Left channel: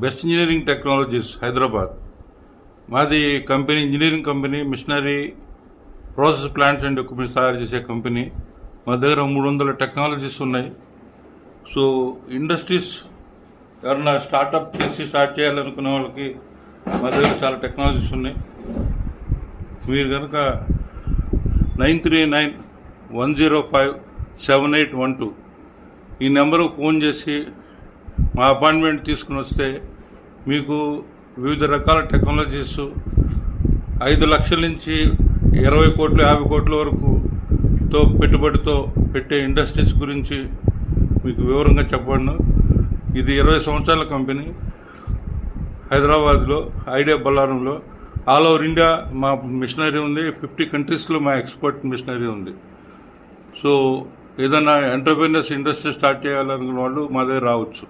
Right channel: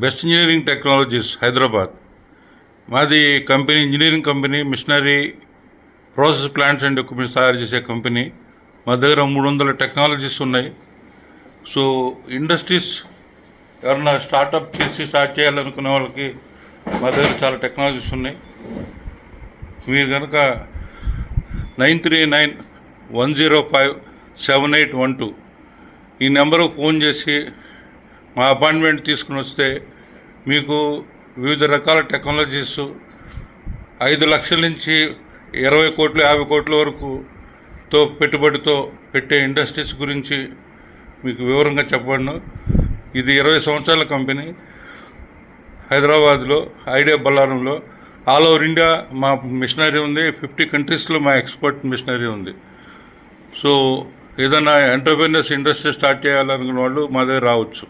Best engineering technologies Hyderabad. మాది company engineering company, machinery, process plants and equipments తయారు చేసే company. మా దగ్గర 300 టెక్నాలజీస్ ఉన్నాయి. సో ఇండస్ట్రీస్ ఎవరన్నా స్టార్ట్ చేయాలనుకునే వాళ్ళకి మా దగ్గర చాలా టెక్నాలజీస్ ఉన్నాయి. మీరు కనుక 9391057812 ఈ నెంబర్కు ఫోన్ చేసి మా అపాయింట్మెంట్ తీసుకుని వస్తే మీకు వివిధ రకాల టెక్నాలజీస్ 5 లక్షల నుంచి 20 కోట్లు 50 కోట్ల వరకు పెట్టుబడితో పెట్టే ఇండస్ట్రీస్ గురించి మీకు వివరంగా చెప్పబడను. ఇది 20 సంవత్సరాల కంపెనీ. హైదరాబాద్లో ఐడియా బల్లారంలో ఆల్ ఓవర్ ఇండియా మా మిషనరీ ఉంది. 50 కంట్రీస్లో మా ఎక్స్పోర్ట్ మిషనరీ ఉంది. సో ఏదైనా ఎంటర్ప్రెన్యూర్స్ ఇండస్ట్రీ స్టార్ట్ చేయాలనుకున్న వాళ్ళు మా దగ్గర రావచ్చు.